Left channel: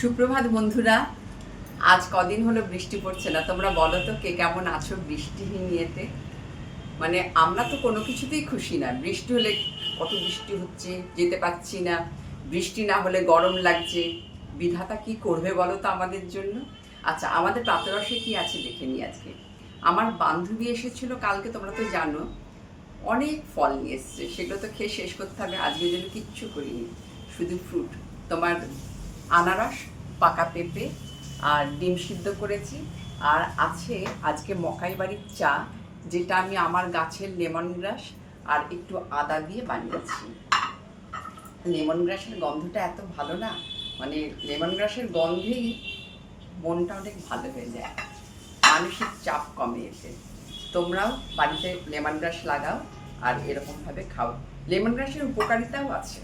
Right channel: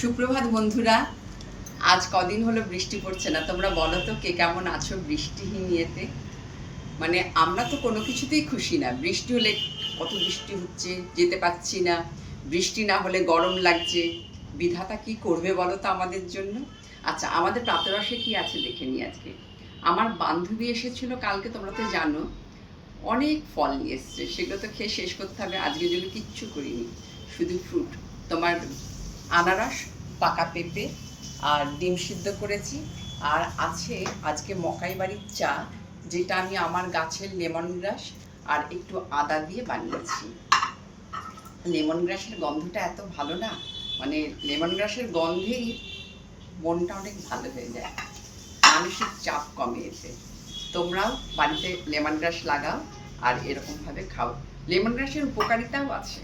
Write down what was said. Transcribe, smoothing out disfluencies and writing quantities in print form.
সুপ্রভাত বন্ধুরা। আজ কদিন হলো বৃষ্টি পড়ছে না। তোমরা বলো তো কে কেমন আছো বৃষ্টিহীন ইয়েতে। মানে আমরা তো কোনো কিছুতেই খুশি না। বৃষ্টি হলে কত বৃষ্টি হচ্ছে, যেতে পারছি না। বৃষ্টি না হলে গরম লাগছে। বিধাতা কি করবে বলো তো আমাদের জন্য। আচ্ছা, আমাদের প্রাতরসে কি আছে দেখে নিই আজকে। আমার বান্ধবী এসেছিল কালকে, তোমরা তো জানো। অনেক ফল নিয়ে এসছে, সেগুলো তো খেয়ে শেষ করতে হবে। আজকের জন্য কিচ্ছু করিনি, শুধু ফ্রুট। তোমার আনারস, পাকা পেঁপে আর ডিম সিদ্ধ করেছি। আর আছে আজকে মকাই বাড়ির চা, যেটা আমি আমার গাছের লেমন গ্রাস আর একটু আদা দিয়ে বানিয়েছি। লেমন গ্রাসের গন্ধটা এত ভালো না, মানে লেমন গ্রাসের গন্ধেই মনটা অনেক ভালো হয়ে যায়, মানসিক চাপ কমে এতে। তোমরাও বাড়িতে লেমন গ্রাস লাগাও আর এরকমভাবে খাও। লেমন গ্রাসের উপকারিতাও আছে।